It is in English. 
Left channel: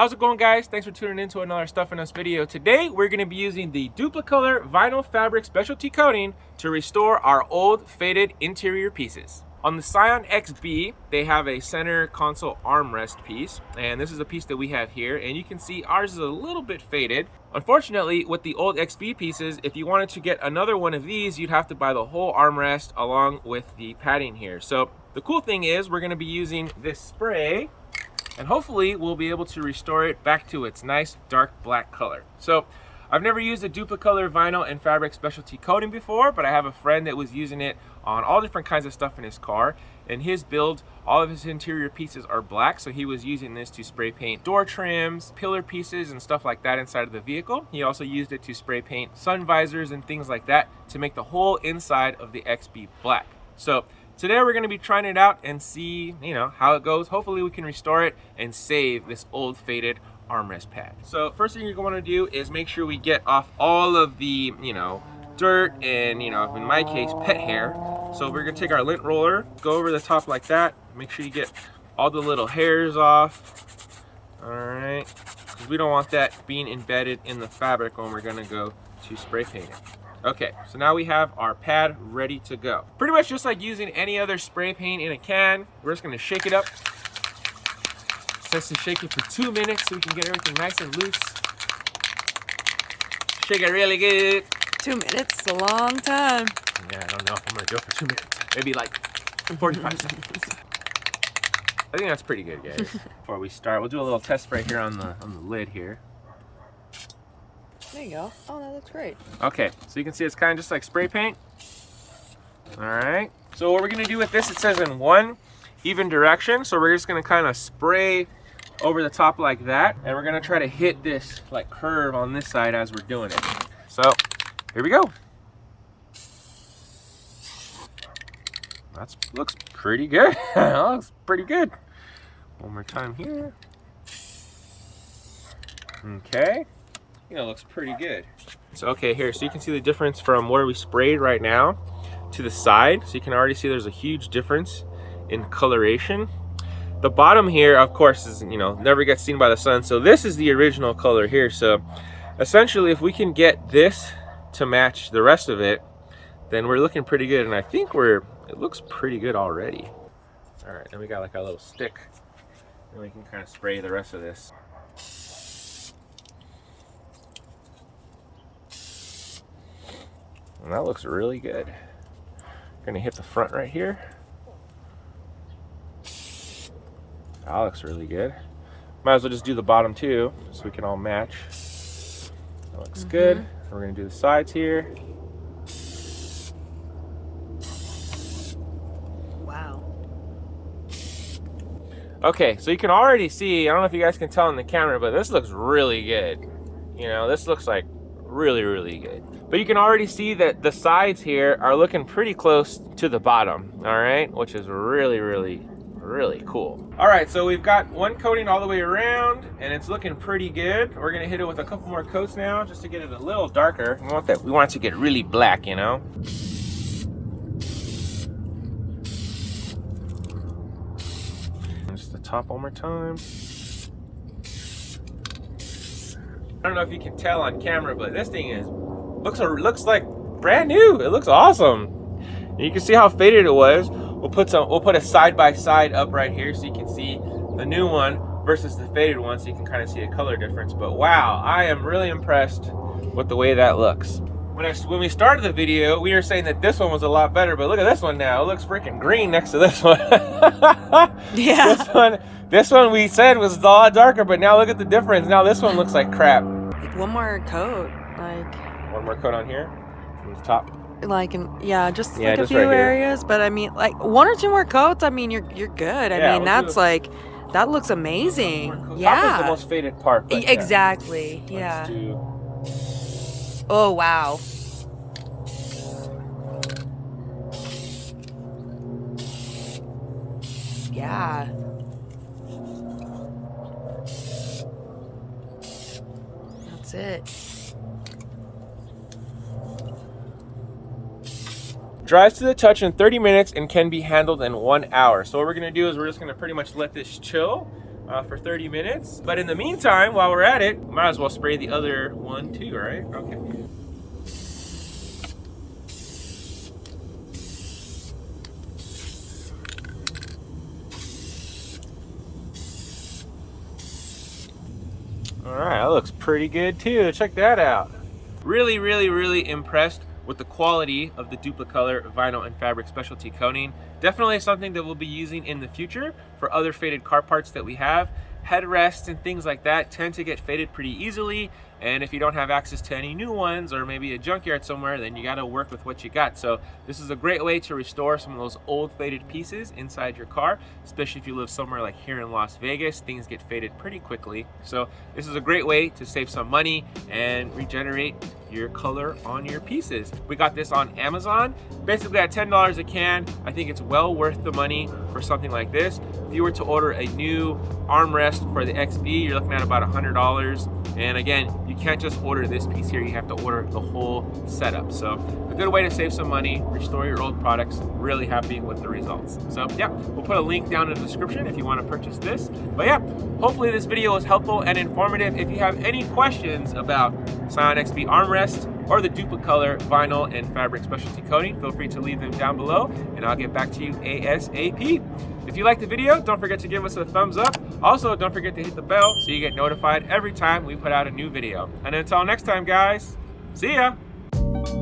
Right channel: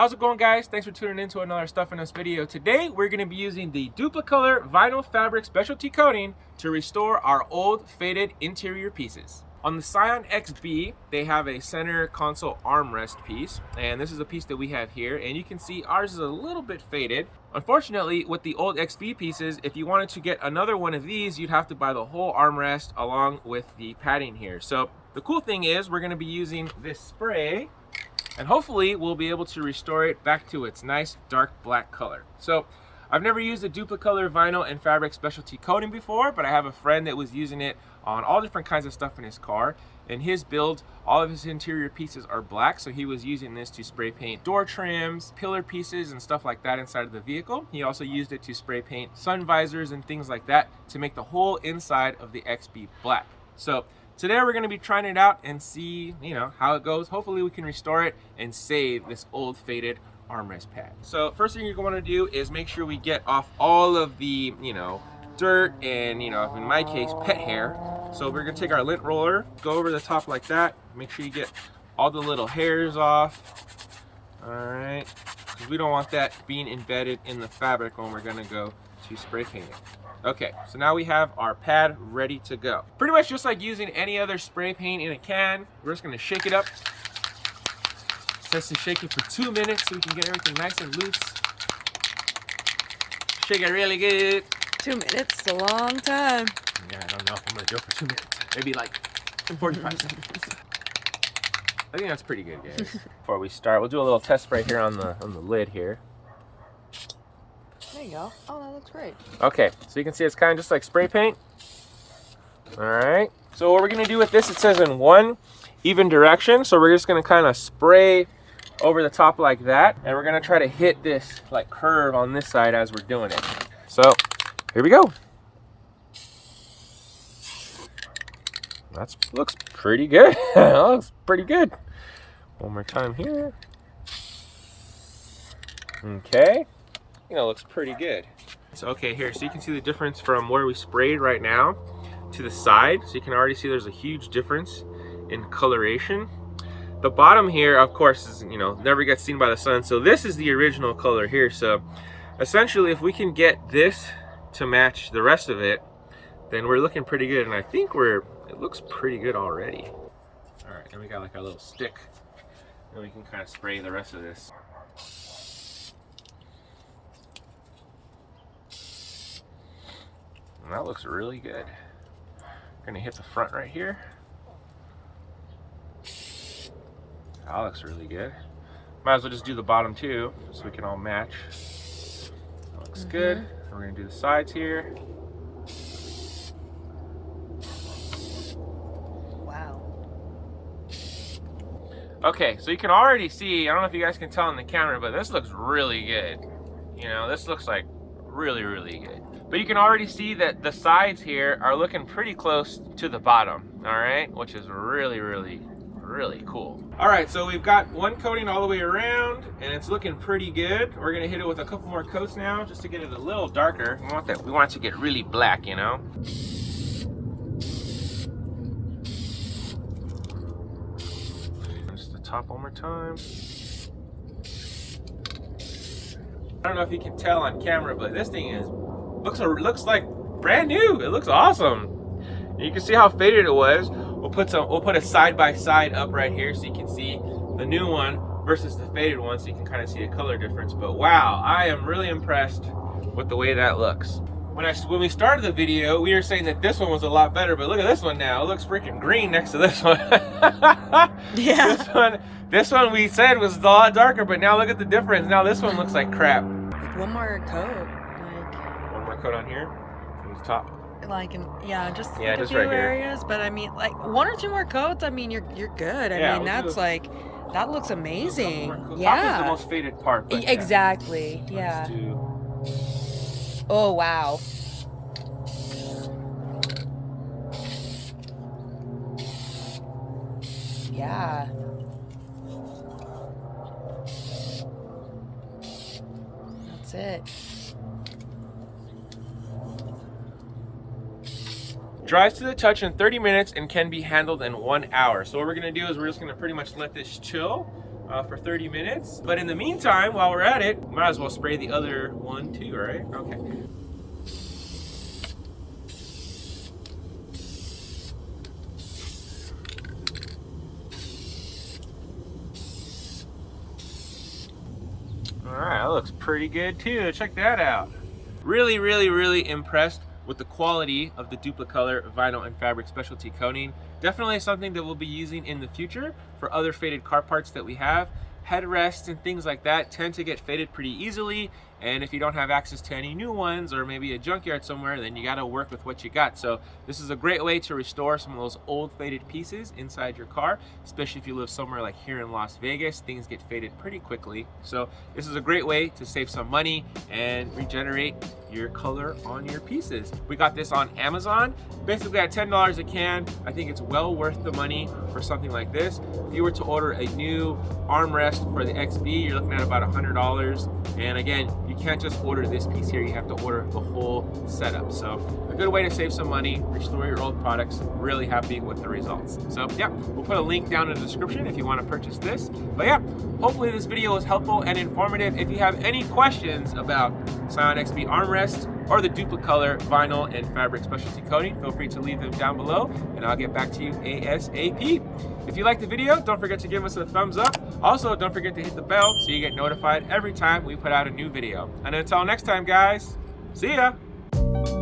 How's it going, guys? Thanks for tuning in to another Stuff in Us video. Today we're going to be using the Dupli-Color vinyl fabric specialty coating to restore our old faded interior pieces. On the Scion XB, they have a center console armrest piece, and this is a piece that we have here, and you can see ours is a little bit faded. Unfortunately, with the old XB pieces, if you wanted to get another one of these, you'd have to buy the whole armrest along with the padding here. So the cool thing is we're going to be using this spray, and hopefully we'll be able to restore it back to its nice dark black color. So I've never used a Dupli-Color vinyl and fabric specialty coating before, but I have a friend that was using it on all different kinds of stuff in his car. In his build, all of his interior pieces are black, so he was using this to spray paint door trims, pillar pieces, and stuff like that inside of the vehicle. He also used it to spray paint sun visors and things like that to make the whole inside of the XB black. So today we're going to be trying it out and see, how it goes. Hopefully we can restore it and save this old faded armrest pad. So first thing you're going to do is make sure we get off all of the, dirt and, in my case, pet hair. So we're going to take our lint roller, go over the top like that. Make sure you get all the little hairs off. All right, because we don't want that being embedded in the fabric when we're going to go to spray paint it. Okay, so now we have our pad ready to go. Pretty much just like using any other spray paint in a can. We're just going to shake it up. It says to shake it for 2 minutes so we can get everything nice and loose. Shake it really good. 2 minutes is a long time. Yeah, I don't know if I'm gonna do it for 2 minutes. Maybe like 45 seconds. I think that's pretty good, guys. Before we start, we'll do a little test spray here on the lid here. There you go. Oh, that looks great. Okay, so you can see it's kind of just like spray paint. All right. So what we're gonna do with this, it says in one even direction. So we're just gonna kind of spray over the top like that, and we're gonna try to hit this like curve on this side as we're doing it. So here we go. That looks pretty good. That looks pretty good. One more time here. Okay. Looks pretty good. So okay, here, so you can see the difference from where we sprayed right now to the side. So you can already see there's a huge difference in coloration. The bottom here, of course, is never gets seen by the sun. So this is the original color here. So essentially, if we can get this to match the rest of it, then we're looking pretty good. And I think it looks pretty good already. All right, then we got like our little stick, and we can kind of spray the rest of this. And that looks really good. We're gonna hit the front right here. That looks really good. Might as well just do the bottom too, so we can all match. That looks good. We're gonna do the sides here. Wow. Okay, so you can already see, I don't know if you guys can tell in the camera, but this looks really good. This looks like really, really good. But you can already see that the sides here are looking pretty close to the bottom, all right? Which is really, really, really cool. All right, so we've got one coating all the way around, and it's looking pretty good. We're gonna hit it with a couple more coats now, just to get it a little darker. We want it to get really black, Just the top one more time. I don't know if you can tell on camera, but this thing looks like brand new. It looks awesome. And you can see how faded it was. We'll put a side by side up right here so you can see the new one versus the faded one, so you can kind of see a color difference. But wow, I am really impressed with the way that looks. When we started the video, we were saying that this one was a lot better, but look at this one now. It looks freaking green next to this one. Yeah. This one we said was a lot darker, but now look at the difference. Now this one looks like crap. Like one more coat. One more coat on here, from the top. Just Yeah, like a just few right here. areas, but I mean, like 1 or 2 more coats. I mean, you're good. Yeah, mean, that's like, that looks amazing. Top is Yeah. the most faded part. But Exactly. Yeah. Oh wow. Yeah. That's it. Dries to the touch in 30 minutes and can be handled in 1 hour. So what we're gonna do is we're just gonna pretty much let this chill for 30 minutes. But in the meantime, while we're at it, might as well spray the other one too, right? Okay. All right, that looks pretty good too. Check that out. Really, really, really impressed with the quality of the Dupli-Color vinyl and fabric specialty coating. Definitely something that we'll be using in the future for other faded car parts that we have. Headrests and things like that tend to get faded pretty easily, and if you don't have access to any new ones or maybe a junkyard somewhere, then you got to work with what you got. So this is a great way to restore some of those old faded pieces inside your car, especially if you live somewhere like here in Las Vegas. Things get faded pretty quickly, so this is a great way to save some money and regenerate your color on your pieces. We got this on Amazon, basically at $10 a can. I think it's well worth the money for something like this. If you were to order a new armrest for the XB, you're looking at about $100. And again, you can't just order this piece here, you have to order the whole setup. So a good way to save some money, restore your old products. Really happy with the results. So yeah, we'll put a link down in the description if you want to purchase this. But yeah, hopefully this video was helpful and informative. If you have any questions about Scion XB armrest or the Dupli-Color vinyl and fabric specialty coating, feel free to leave them down below and I'll get back to you ASAP. If you liked the video, don't forget to give us a thumbs up. Also, don't forget to hit the bell so you get notified every time we put out a new video. And until next time, guys, see ya!